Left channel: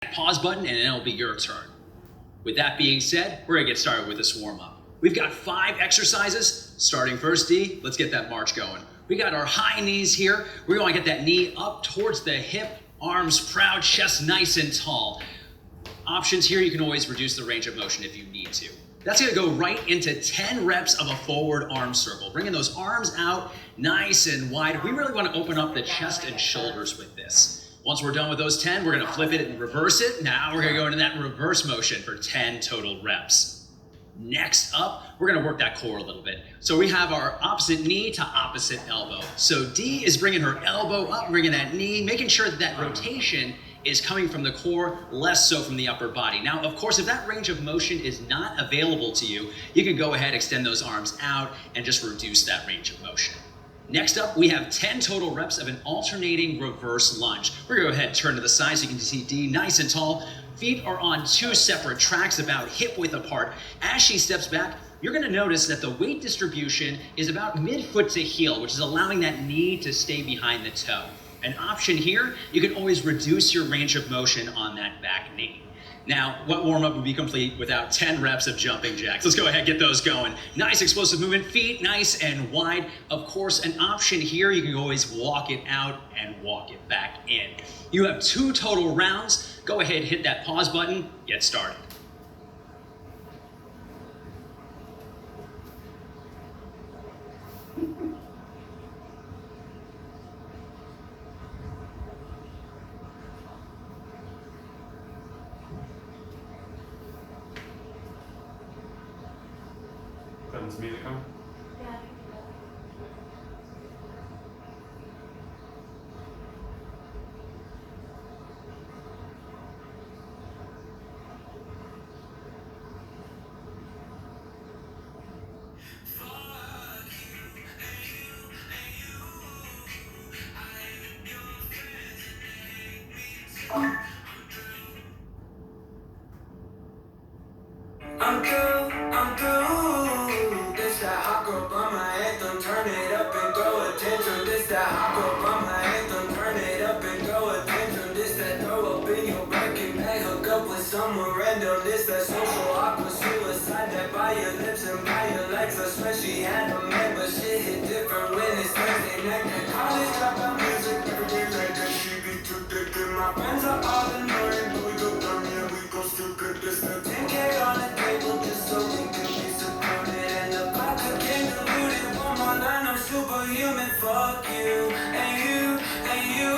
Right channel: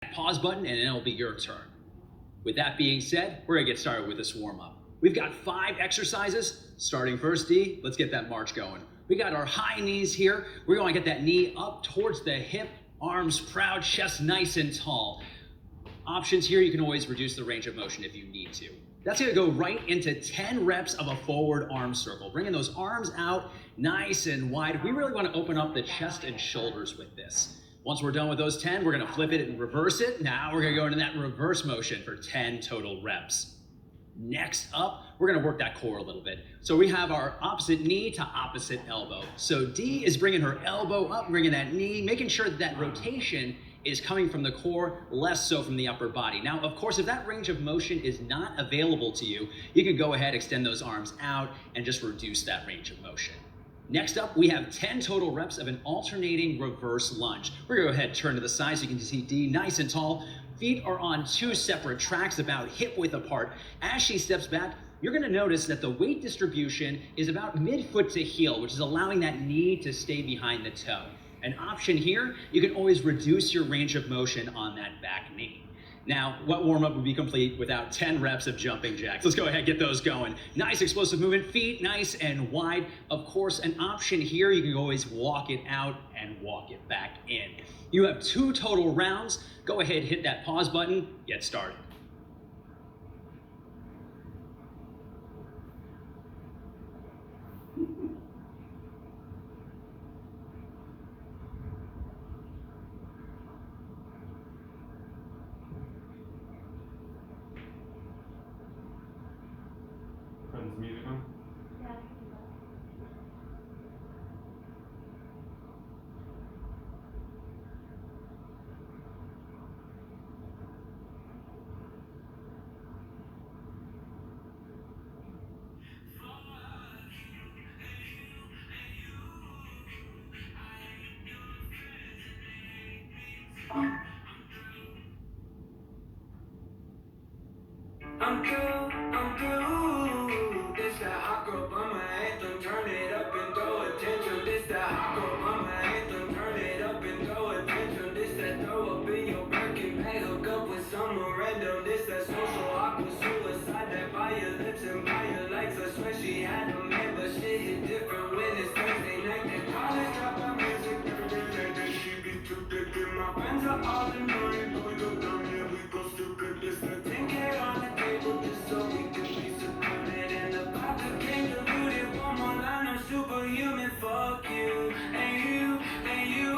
Pause button and then it'll be your turn. With that being said, we're gonna get started with this warm-up. We've got 5 exercises. Starting first, D, let's get that march going. We got our high knees here. We wanna get that knee up towards the hip, arms proud, chest nice and tall. Options here, you can always reduce the range of motion if you need to. That's gonna go right into 10 reps of a forward arm circle, bringing those arms out nice and wide. We really wanna open up the chest and shoulders with this. Once we're done with those 10, we're gonna flip it and reverse it. Now we're gonna go into that reverse motion for 10 total reps. Next up, we're gonna work that core a little bit. So we have our opposite knee to opposite elbow. So D is bringing her elbow up, bringing that knee, making sure that that rotation is coming from the core, less so from the upper body. Now, of course, if that range of motion is not available to you, you can go ahead, extend those arms out, and just reduce that range of motion. Next up, we have 10 total reps of an alternating reverse lunge. We're gonna go ahead and turn to the side so you can see D nice and tall. Feet are on 2 separate tracks, about hip width apart. As she steps back, you're gonna notice that the weight distribution is about mid-foot to heel, which is allowing that knee to stay behind the toe. An option here, you can always reduce your range of motion on that back knee. Now, what warm-up would be complete without 10 reps of jumping jacks? Let's go ahead and get those going. Nice explosive movement, feet nice and wide. Of course, an option here, you can always walk it out and walk it back in. You have 2 total rounds. Go ahead, hit that pause button, get started. Is music on? Yeah. I'm through. This that hot girl by my anthem, turn it up and throw a tantrum. This that hot girl by my anthem, turn it up and throw a tantrum. This that throw up in your Birkin bag, hook up with someone random. This that social awkward suicide, that by your lips and by your legs. I swear she had a man, but shit hit different when it's Thursday night. That college dropout music, every day like that. She be too thick and my friends are all annoying, but we go dumb, yeah, we go stupid. This that 10K on the table just so we can be supported. And the vodka came diluted. One more line, I'm superhuman. Fuck you, and you, and you.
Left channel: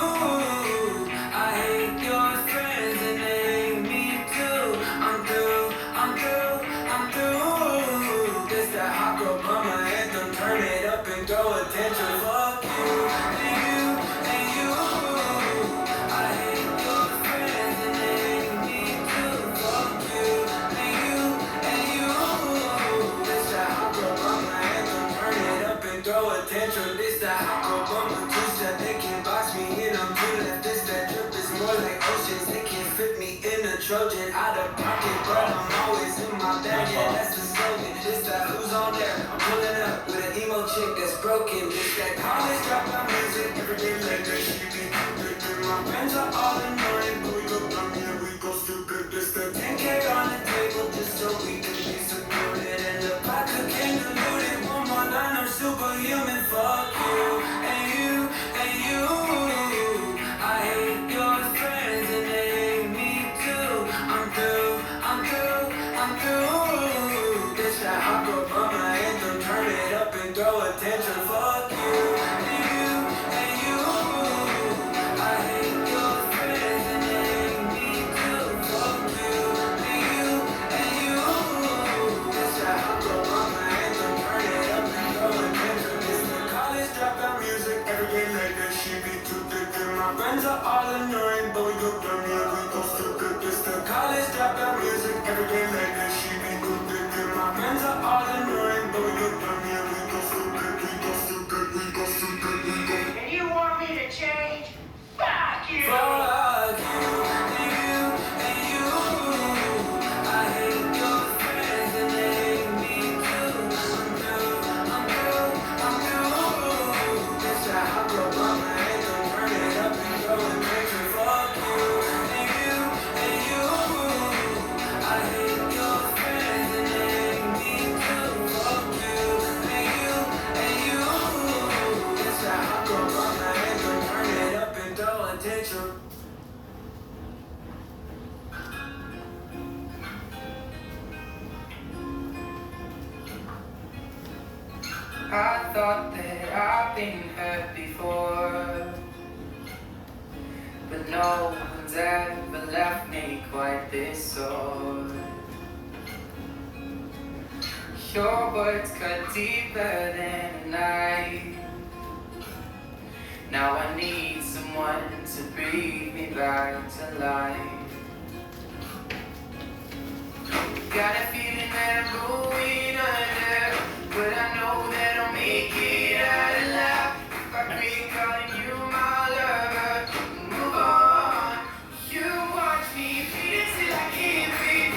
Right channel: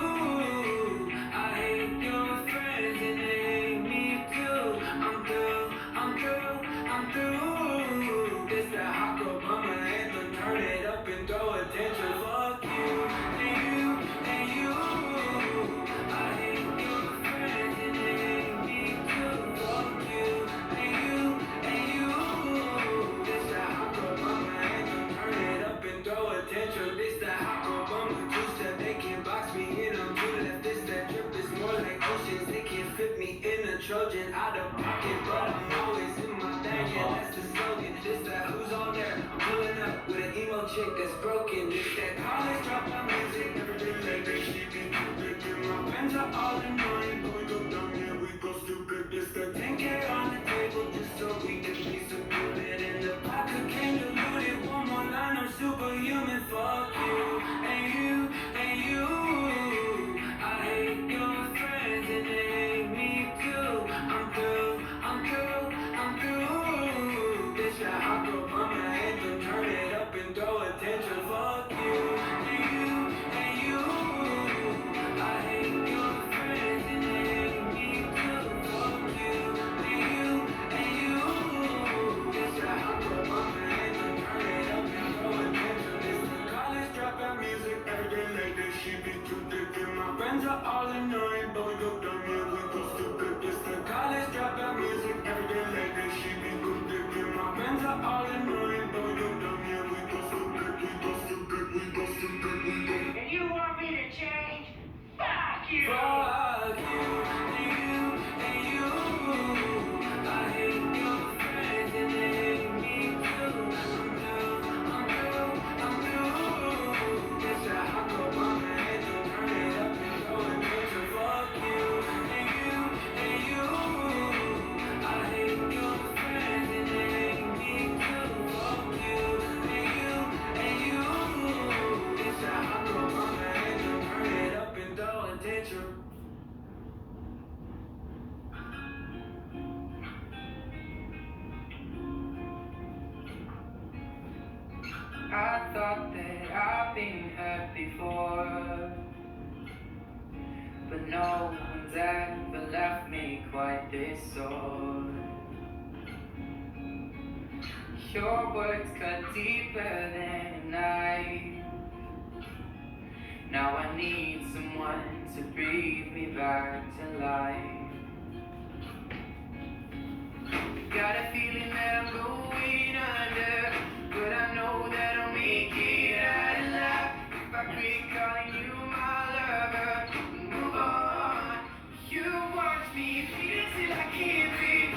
I hate your friends and they hate me too. I'm through, I'm through, I'm through. This that hot girl by my anthem, turn it up and throw a tantrum. Fuck you, and you, and you. I hate your friends and they hate me too. Fuck you, and you, and you. This that hot girl by my anthem, turn it up and throw a tantrum. This that hot girl by my two-step, they can't box me in. I'm too left. This that drip is more like oceans. They can't fit me in a Trojan. Out of pocket, but I'm always in my bag. Yeah, that's the slogan. This that who's on there? I'm pulling up with an emo chick that's broken. This that college dropout music. Every day like that, she be good. My friends are all annoying, but we go dumb, yeah, we go stupid. This that 10K on the table just so we can be supported. And the vodka came diluted. One more line, I'm superhuman. Fuck you, and you, and you. I hate your friends and they hate me too. I'm through, I'm through, I'm through. This that hot girl by my anthem, turn it up and throw a tantrum. Fuck you, and you, and you. I hate your friends and they hate me too. Fuck you, and you, and you. This that hot girl by my anthem, turn it up and throw a tantrum. This the college dropout music, every day like that. She be too thick and my friends are all annoying, but we go dumb, yeah, we go stupid. This the college dropout music, every day like that. She be too thick and my friends are all annoying, but we go dumb, yeah, we go stupid, we go I thought that I've been hurt before, but no one's ever left me quite this sore. Your words cut deeper than a knife. Now I need someone to breathe me back to life. Got a feeling that I'm going under, but I know that I'll make it out alive. If I quit calling you my lover, move on. You watch me bleed till I can't breathe.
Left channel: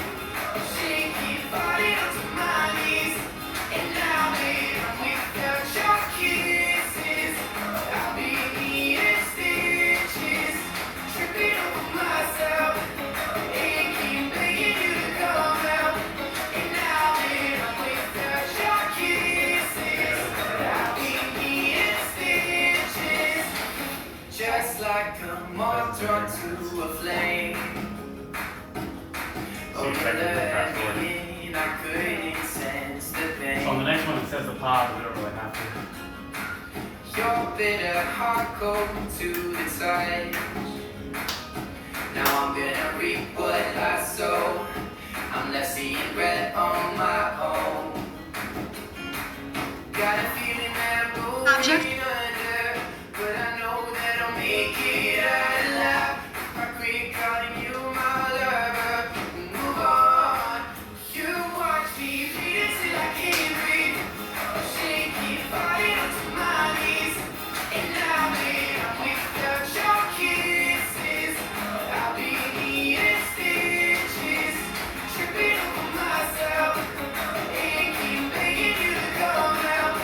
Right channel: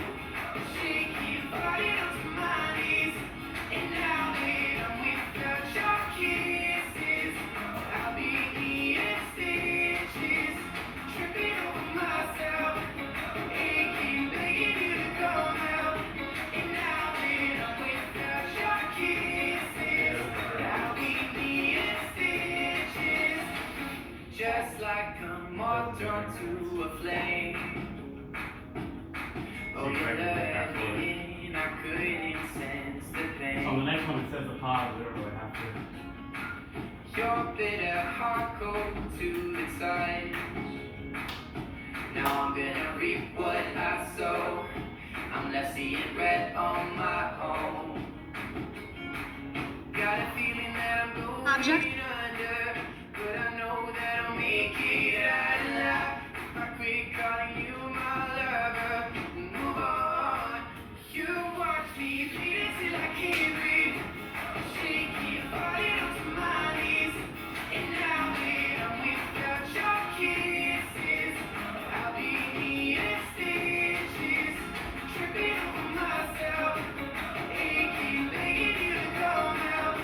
Shaky body onto my knees, and now that I'm without your kisses, I'll be needing stitches, tripping over myself, aching, begging you to come out. And now that I'm without your kisses, I'll be needing stitches, just like a moth drawn to a flame. So you expect it to fast forward. I couldn't sense the pain. So on the next one it says the pause, but we don't really have to. Your bitter heart cold to the touch. Now I'm gonna reap what I sow. I'm left seeing red on my own. Got a feeling that I'm going Object. under, but I know that I'll make it out alive. If I quit calling you my lover, move on. You watch me bleed till I can't breathe. Shaky body onto my knees, and now that I'm without your kisses, I'll be needing stitches, tripping over myself, aching, begging you to come out.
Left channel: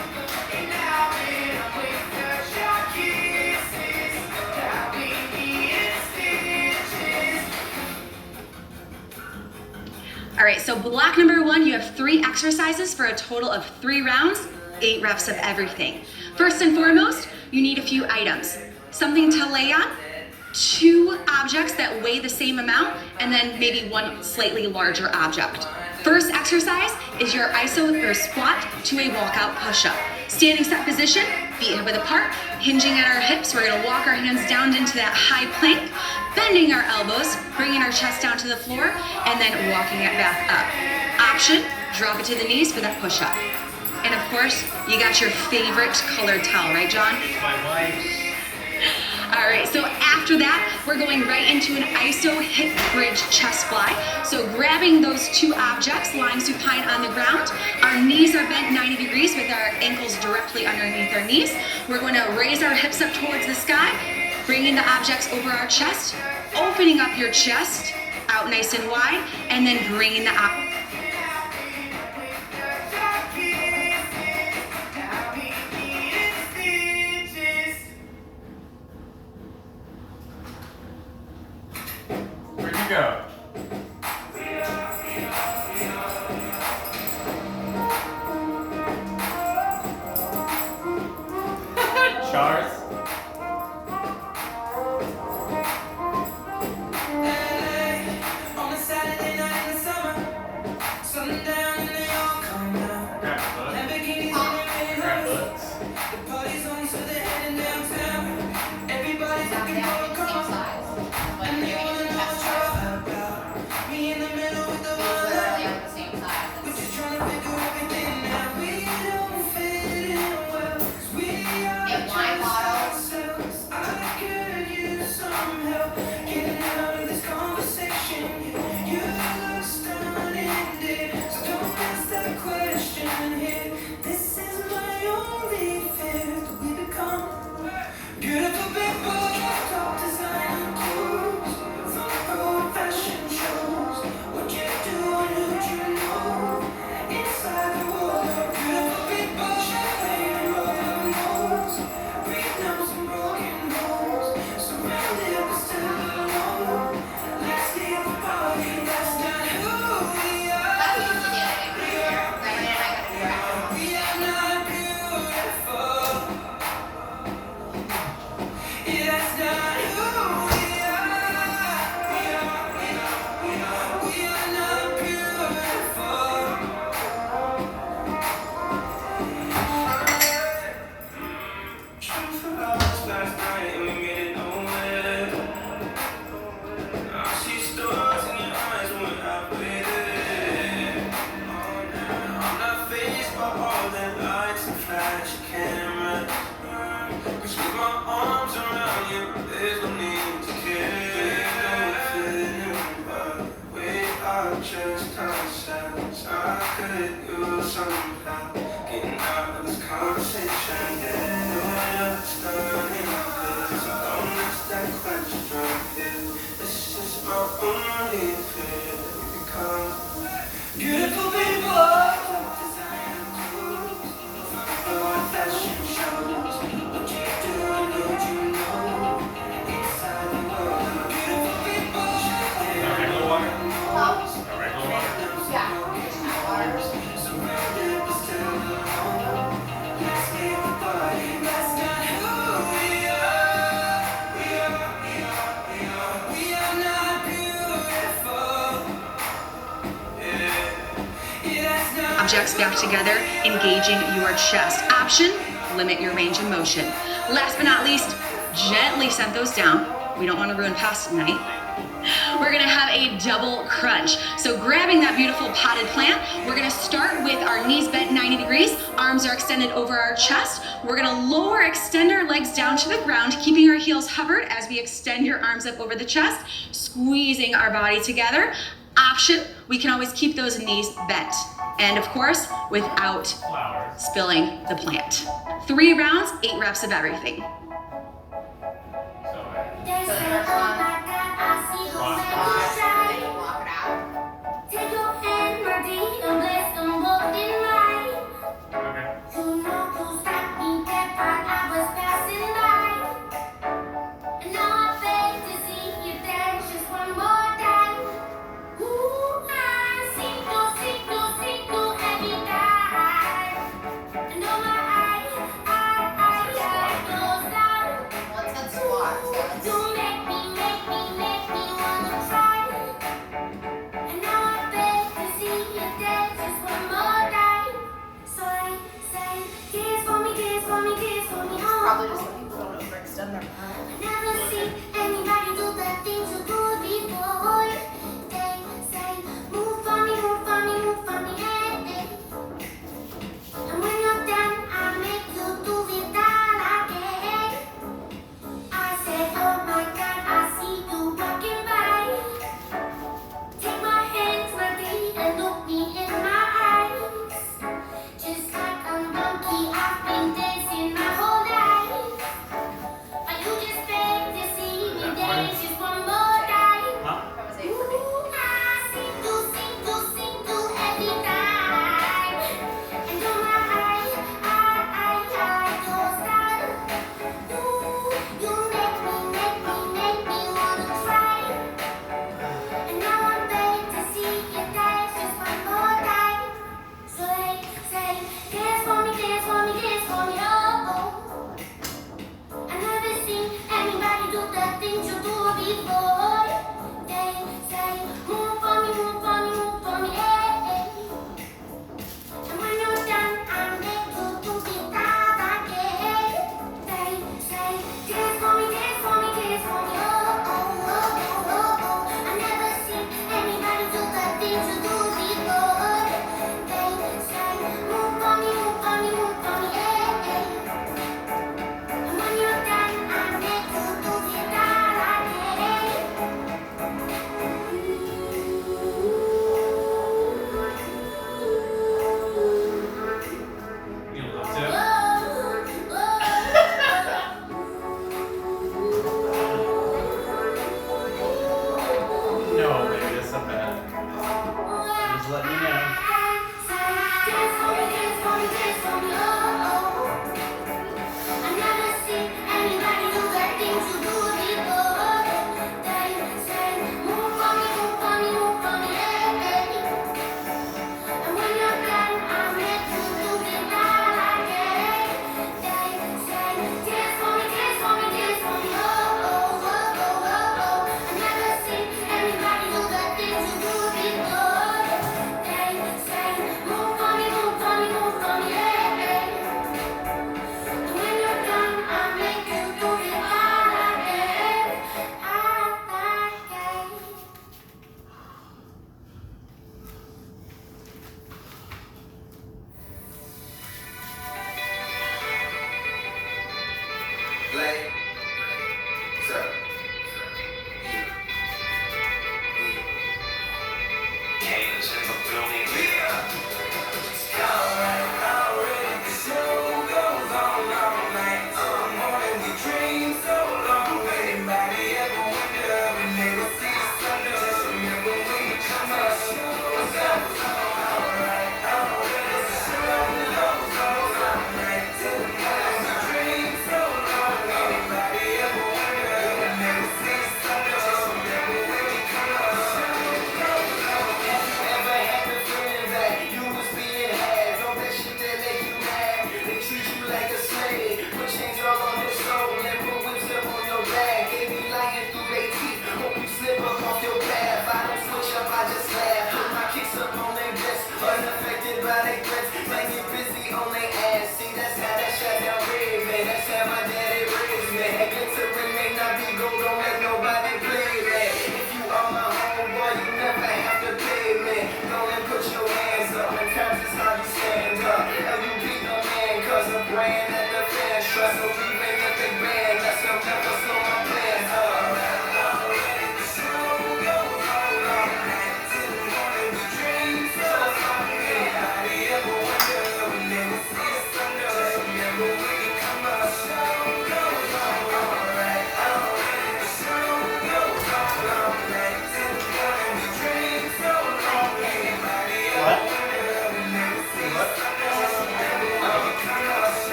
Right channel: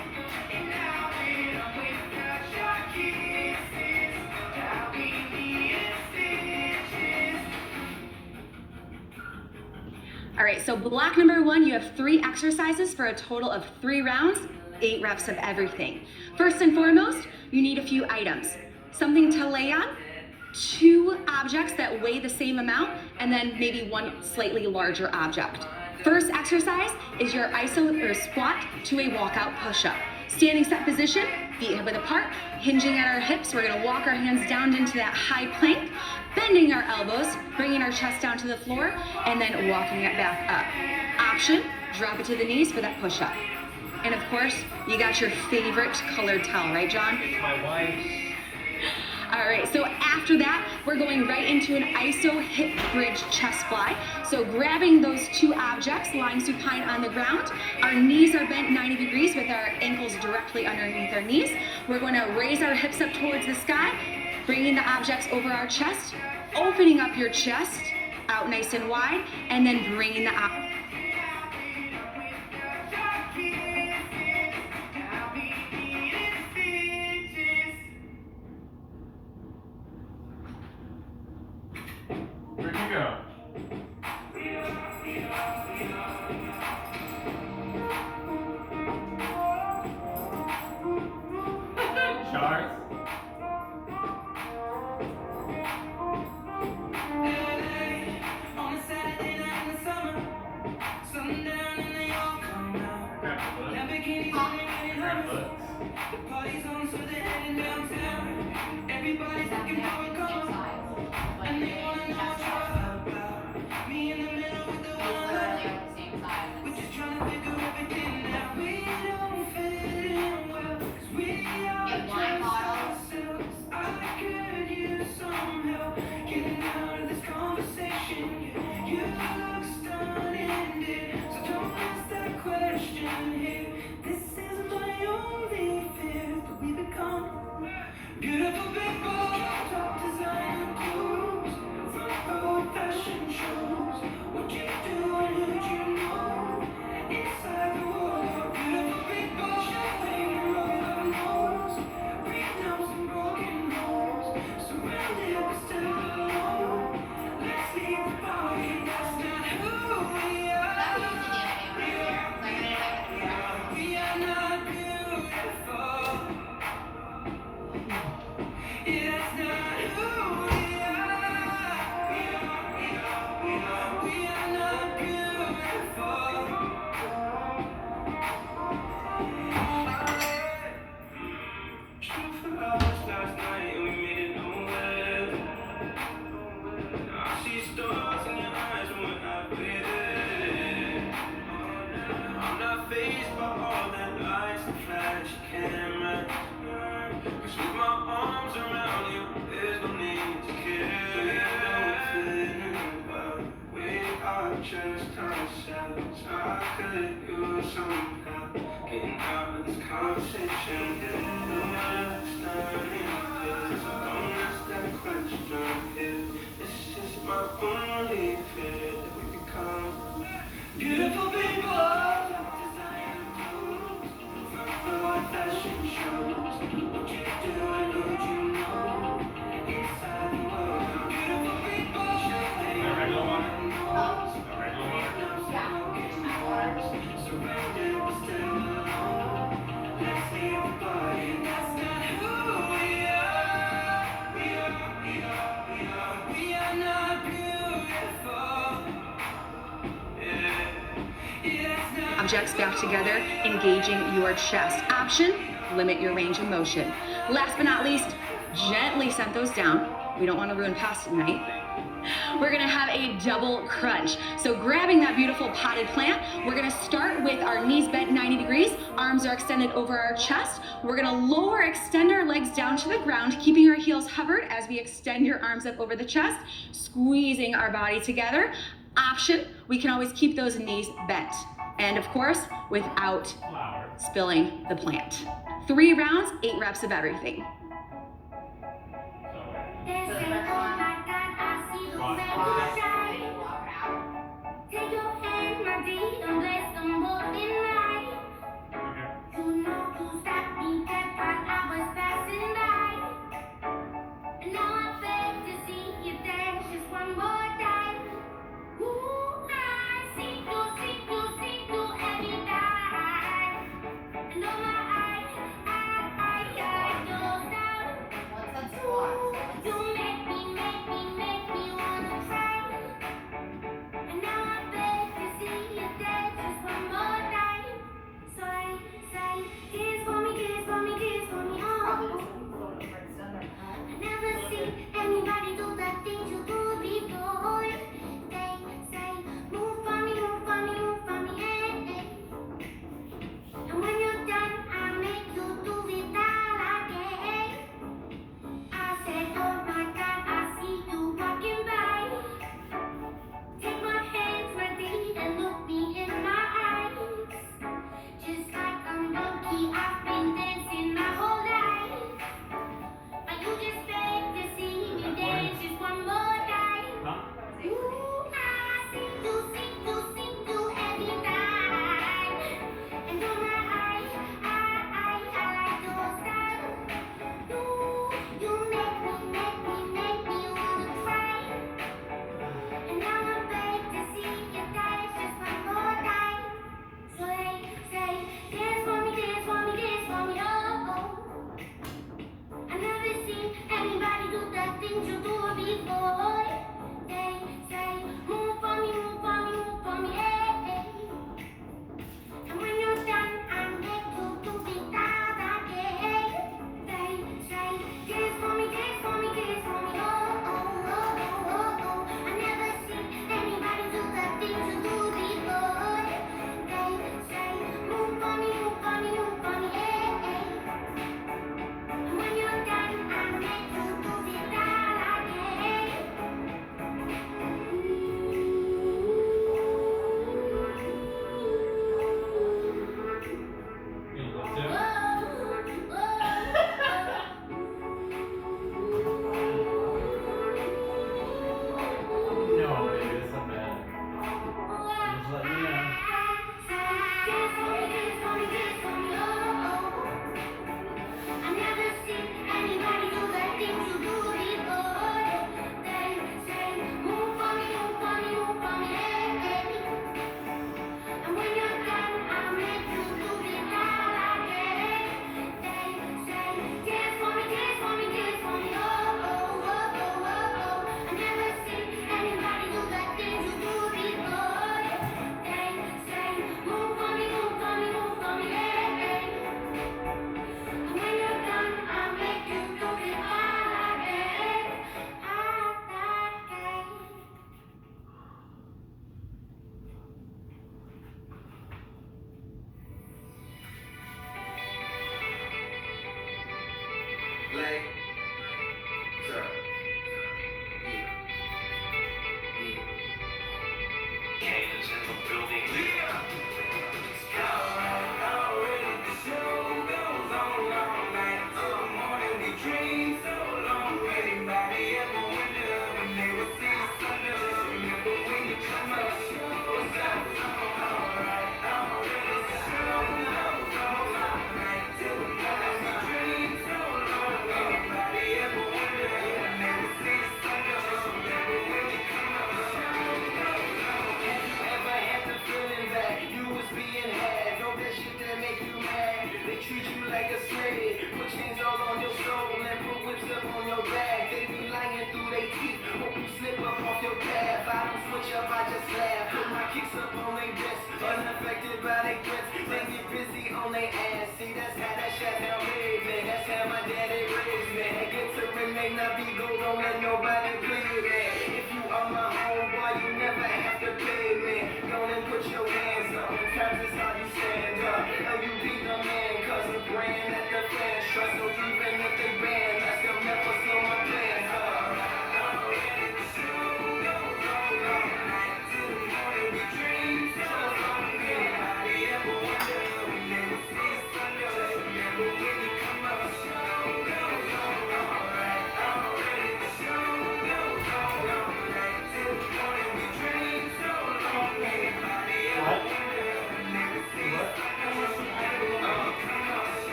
And now that I'm without your kisses, I'll be needing stitches. All right, so block number 1, you have 3 exercises for a total of 3 rounds, 8 reps of everything. First and foremost, you need a few items. Something to lay on, 2 objects that weigh the same amount, and then maybe 1 slightly larger object. First exercise is your iso or squat to a walkout push-up. Standing set position, feet hip width apart, hinging at our hips. We're gonna walk our hands down into that high plank, bending our elbows, bringing our chest down to the floor, and then walking it back up. Option, drop it to the knees for that push-up. And of course, you got your favorite colored towel, right, John? My wife. All right, so after that, we're going right into an iso hip bridge chest fly. So grabbing those 2 objects, lying supine on the ground, our knees are bent 90 degrees with our ankles directly underneath our knees. We're going to raise our hips up towards the sky, bringing the objects over our chest, opening up your chest out nice and wide, and then bringing the Where'd you go? Charles? On a Saturday night in the summer, sundown and they all come down. Lamborghinis on their Grab way books. The party's on, so they're heading downtown. Everybody's looking for a call, and they wanna know what you're about. changed ourselves. I could use some help getting out of this conversation. Didn't know what's turning this. Don't ask that question here. This is my only fear that we become beautiful people. Design tools, the fashion shows. What you do and what you know. Inside the world, beautiful people. Got regular water? Got regular water? Surrounded but still alone. Let's leave the party. That's not who we are. We are not beautiful. That's not Objects back together, engaging your chest. Option, limit your range of motion. Last but not least, gently set those down. We don't want to ruin pasta tonight. We're gonna have a double crunch. So grabbing that beautiful potted plant, we're gonna start with our knees bent 90 degrees, arms are extended over our chest. We're gonna lower, extend our legs down to the ground, keeping our heels hovered as we extend your arms up over the chest, squeezing our body together. Option, we can always keep those knees bent. And of course, without Flowers. spilling the plant. 3 rounds, 8 reps of everything. So, okay. What's that squat?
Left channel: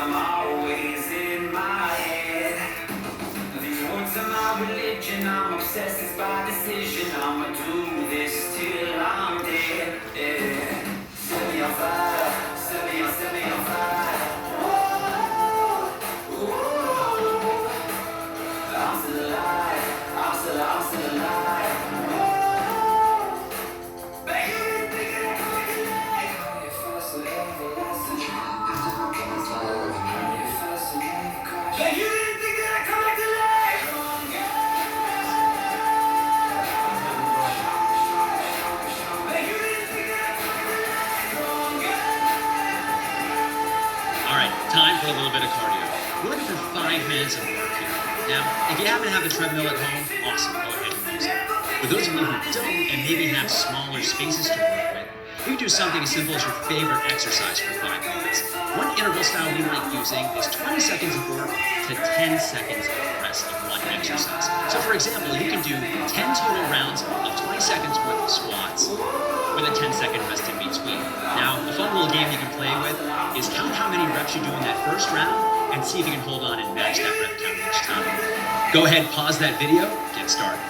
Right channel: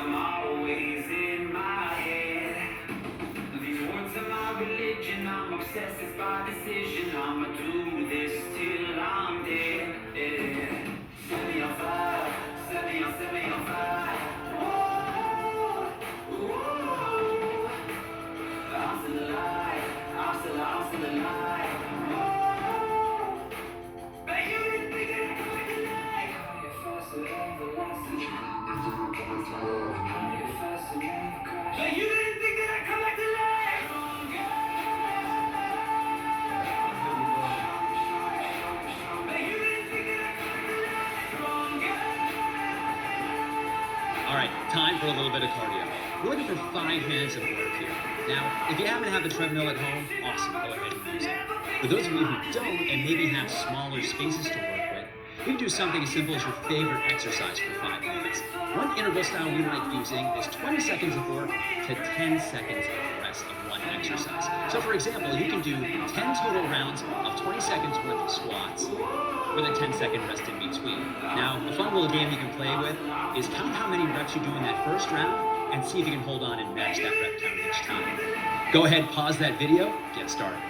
I'm always in my head. These words are my religion, I'm obsessed, it's by decision. I'ma do this till I'm dead. Yeah. Set me on fire, set me on fire. Whoa, whoa. I'm still alive, I'm still alive. Whoa. Baby, you didn't think that I could make it life. If I still everlasting, if I still never crash. But you didn't think that I could make it life. All right, time for a little bit of cardio. We're looking for 5 minutes of work here. Now, if you happen to have the treadmill at home, awesome, go ahead and use it. For those of you who don't and maybe have smaller spaces to work with, you can do something as simple as your favorite exercise for 5 minutes. One interval style we like using is 20 seconds of work to 10 seconds of rest of one exercise. So for example, you can do 10 total rounds of 20 seconds worth of squats with a 10-second rest in between. Now, a fun little game you can play with is count how many reps you do in that first round and see if you can hold on and match that rep count each time. Go ahead, pause that video, get started.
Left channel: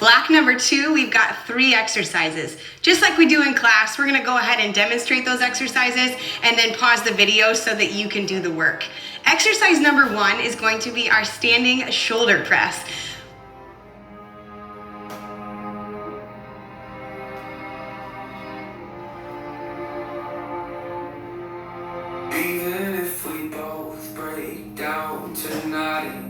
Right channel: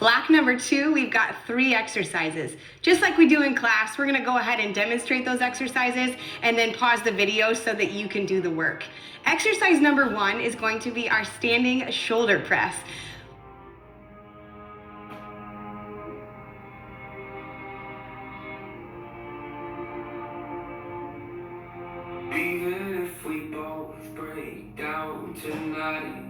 Block number 2, we've got 3 exercises. Just like we do in class, we're gonna go ahead and demonstrate those exercises and then pause the video so that you can do the work. Exercise number 1 is going to be our standing shoulder press. Even if we both break down tonight,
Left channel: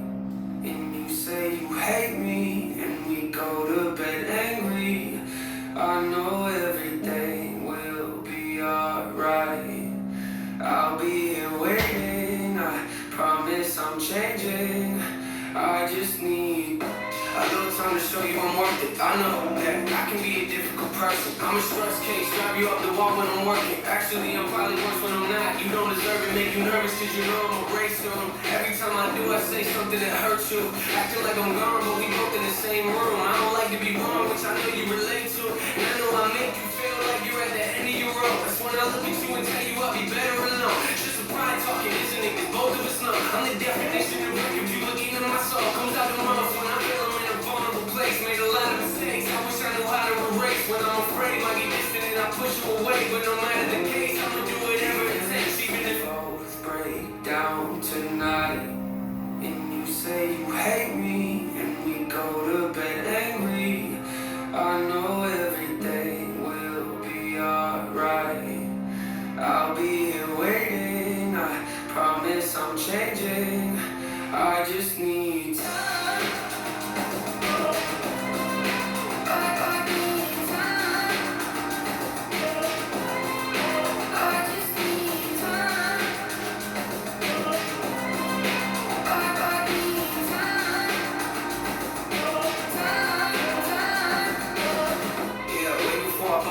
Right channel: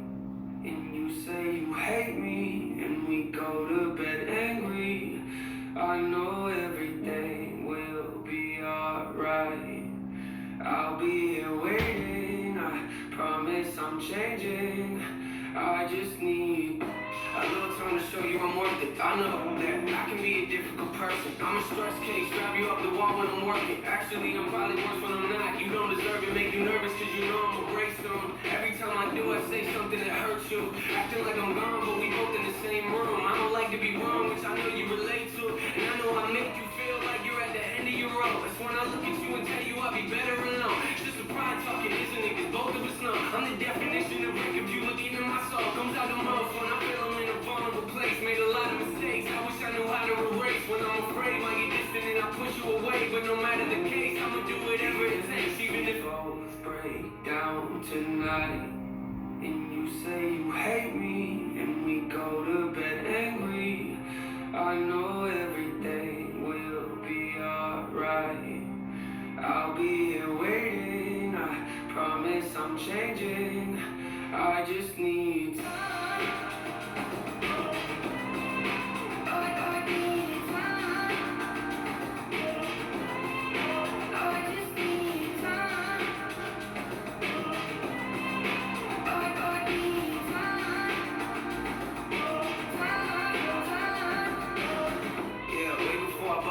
and you say you hate me, and we go to bed angry, I know everything will be alright. I'll be here waiting, I promise I'm changing. I just need a little time to show you I'm worth it. I know that I can be a difficult person. I'm a stress case, drive you up the wall when I'm working. Actually, I'm probably worse when I'm not. You don't deserve it, make you nervous cause you know I'm a race soon. Every time I do, I say something that hurts you. Acting like I'm gone, but we both in the same room. I don't like to be wrong, which I know you relate to. And I know I make you feel like you're at the end of your rope. That's when I look at you and tell you I'll be better alone. It's just a pride talking, isn't it? Cause both of us know I'm the definition of record. You look into my soul, comes out the mouth when I feel I'm in a vulnerable place. Made a lot of mistakes, I wish I knew how to erase. When I'm afraid, I get distant and I push you away. But no matter the case, I'ma do whatever it takes. Even if both break down tonight, and you say you hate me, and we go to bed angry, I know everything will be alright. I'll be here waiting, I promise I'm changing. I just need time.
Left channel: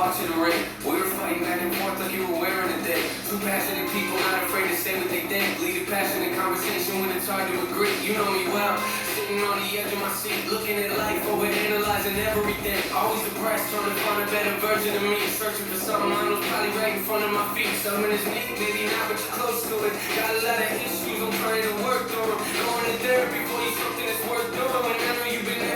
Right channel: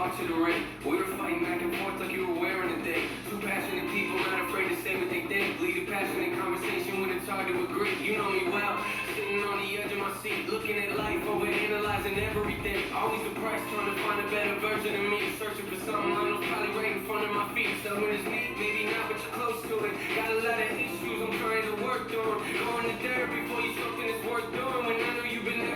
To the ring. We were fighting back and forth like you were wearing a thing. Two passionate people not afraid to say what they think. Lead a passionate conversation when it's hard to agree. You know me well. Sitting on the edge of my seat, looking at life, overanalyzing everything. Always depressed, trying to find a better version of me. Searching for something I know probably right in front of my feet. Something is me, maybe not, but you're close to it. Got a lot of issues I'm trying to work through. Going to therapy for you, something that's worth doing. I know you've been